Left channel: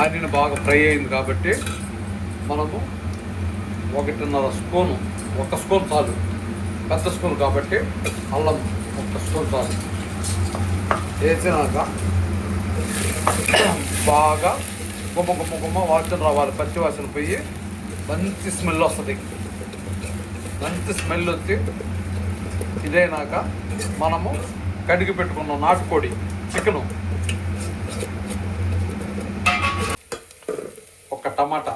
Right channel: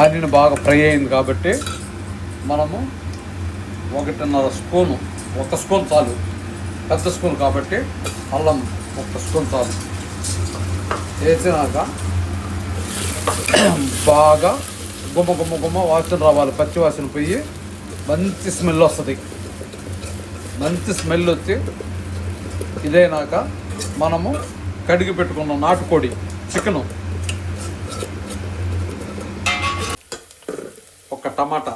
Onion బాగా fry అయింది కాబట్టి మనము ఒకటిన్నర స్పూను ఒక స్పూన్ చాలు పెద్ద స్పూన్ కాబట్టి అల్లం ఒక స్పూన్ చాలు. వేసినాక బాగా గుమ్మ గుమ్మ గుమ్మ వాసన రావాలి పచ్చి వాసన పోయి మంచి స్మెల్ వస్తుంది. మంచి స్మెల్ వచ్చి ఇదైనాక మనము కడిగి పెట్టుకున్న నాటుకోడి చికెను. టమాటా.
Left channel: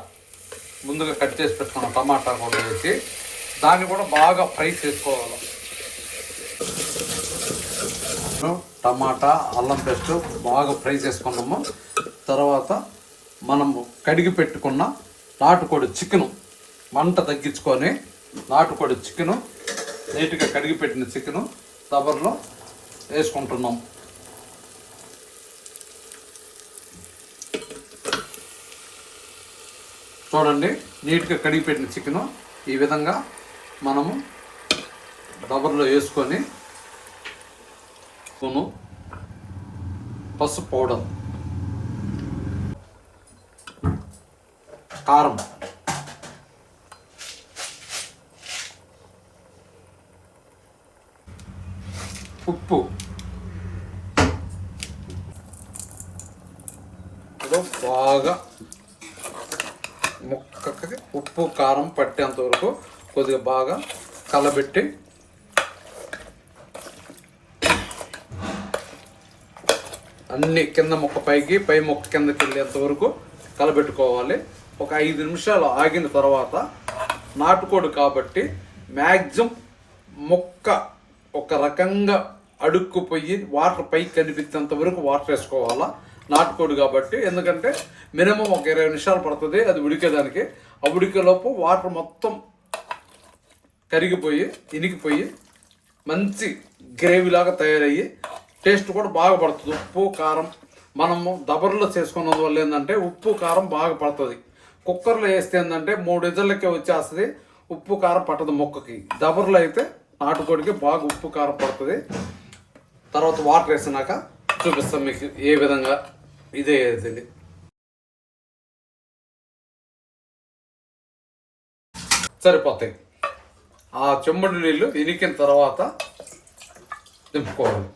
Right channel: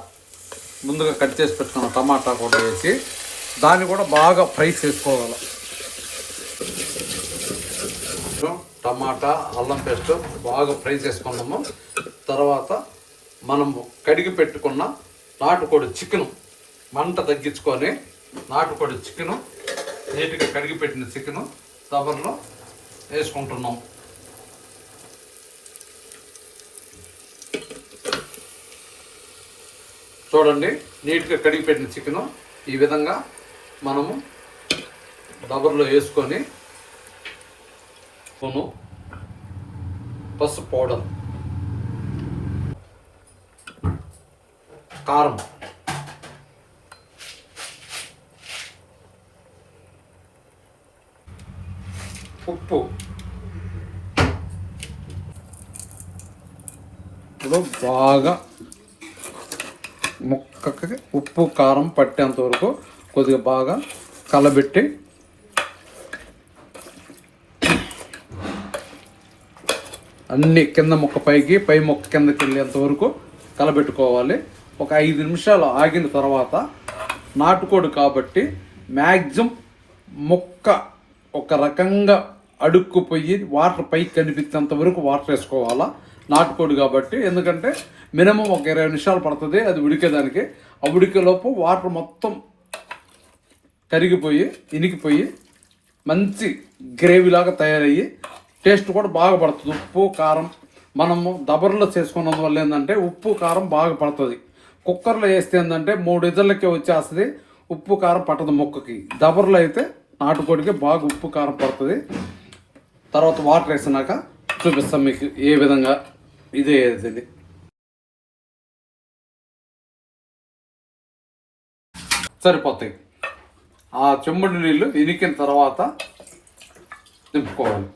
ముందుగా కట్ చేసి పెట్టుకున్న టమాటా కూడా వేసి దాన్ని కూడా బాగా ఫ్రై చేసుకోవాలి. టమాటా అల్లం పేస్ట్ బాగా ఫ్రై చేసుకున్నాము. తర్వాత మనం కడిగి పెట్టుకున్న నాటుకోడి చికెను మంట తగ్గించుకొని నాటుకోడి చికెను నీట్గా కడిగి పెట్టిన చికెను దబర్లో వేసుకుంటున్నాం. చూడండి నీట్గా కడిగి పెట్టిన చికెను. ఈ విధంగా మనము డబర్లో వేసుకొని స్పూను పసుపు పౌడర్. కారం. ఉప్పు. బాగా ముక్కకి ఉప్పు కారం పట్టేంత వరకు కొద్దిగా బాగా కలబెట్టి అన్ని కింద మొక్క పైకి పై మొక్క కిందకి వెళ్ళేంత వరకు కలబెట్టుకోవాలి. ఒక ఐదు నిమిషాలు ఆగిన తర్వాత నాటుకోడు కాబట్టి మ్యాక్సిమం మొక్క ఒక రకంగా అడుక్కుపోయి వాటర్ పైకి కనిపించేంత వరకు వాటర్ వేసుకోవాలా. నాటుకోడి కాబట్టి ఎందుకంటే మినిమం ఒక ఇరవై నిమిషాలు పడుతుంది అది ఉడికేదానికి. ఆ ఉడికేలోపు వాటర్ మొత్తం కరిగిపోయి ఇనికిపోయి మంచి గ్రేవీ లాగా తయారయ్యి టేస్ట్ కూడా బాగా పడుతుంది. ఉప్పు కారం మనము దబర్లో చేసుకున్నందువల్ల ఏంటంటే ఉప్పు కారం బాగా పడుతుంది. కుక్కర్లో వేస్తే ఏంటంటే మూడు ఇజర్లకే వచ్చేస్తుంది ఉప్పు కారం పట్టదు మొక్కకి. దబర్లో అయితే నాటుకోడికి బాగా ఉప్పు కారం పడుతుంది. తర్వాత వాటర్ వేసినాక చూపిస్తాం మీకు ఏ విధంగా ఇదే ఇది సరిపోతాయి. ఆ చెంబడి నీళ్ళు ఇనికిన తర్వాత దింపుకోవాలి.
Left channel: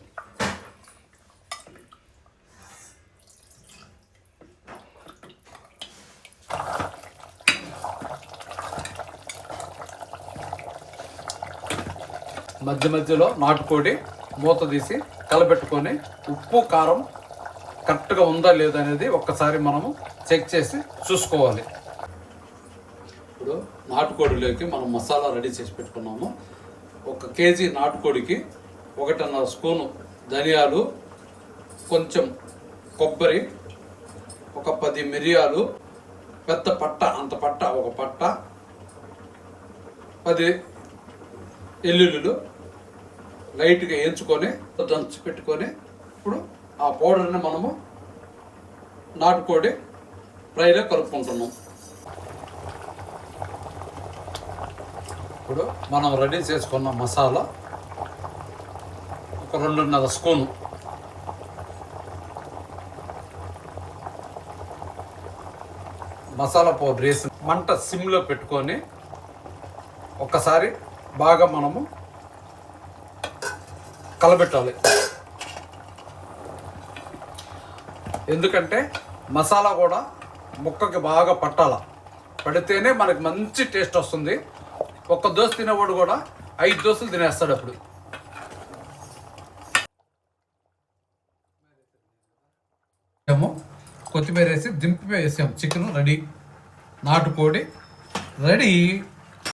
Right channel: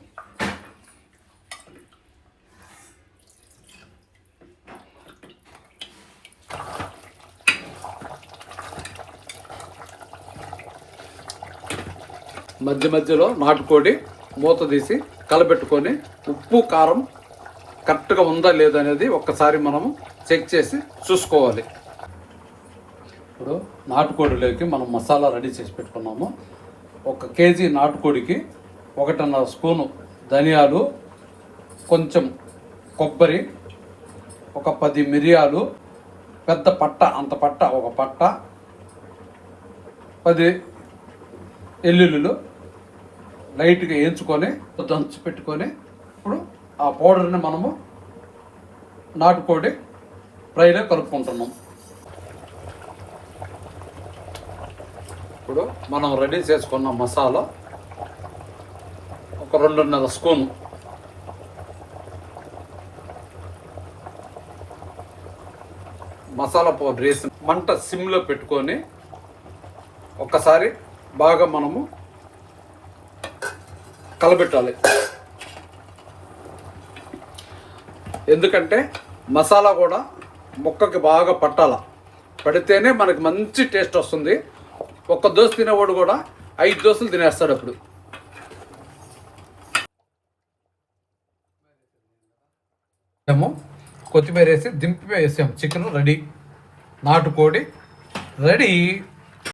మధ్య మధ్యలో నాటుకోడి మూత తీసి కలపెట్టుకొని ఉప్పు కారం కరెక్ట్గా ఉందా లేదా అనేది ఒక్కసారి మనము చెక్ చేసి చూసుకోవాలి. ఇప్పుడు నాటుకోడిలోకి మనం మసాలా రెడీ చేసి పెట్టుకున్నాము. ఒక కేజీ నాటుకోడికి ఒకటిన్నర స్పూను ధనియాలు కొంచెం కొబ్బరి ఒక పది మిరియాలు పెద్ద పట్ట అంత పట్ట ఒక పట్ట పది ఎల్లుల్లిలు లైట్గా వేయించుకొని దంచి పెట్టుకొని ఇప్పుడు ఆ పౌడర్ని మనము నాటుకోడి ఫ్రైలో కలుపుకుంటున్నాం. ఇప్పుడు మనం రెడీ చేసుకున్న మసాలా ఒక రెండున్నర స్పూను. మసాలా పౌడర్ వేసి మంట సిమ్లో పెట్టుకొని ఒక్కసారి బాగా మనము కలబెట్టాలి. ఎందుకంటే మసాలా కూడా ముక్కకి బాగా పట్టాల. పడితేనే మనకి మంచి టేస్ట్ వస్తుంది. ఒక్క దోశ తినేవాడు కూడా ఐదు దోశలు తినేస్తాడు అప్పుడు. ఏమో? కొత్తిమీర వేసి దింపి వేసాం చికెన్ రెడీ. నాటుకోడి రెడీ.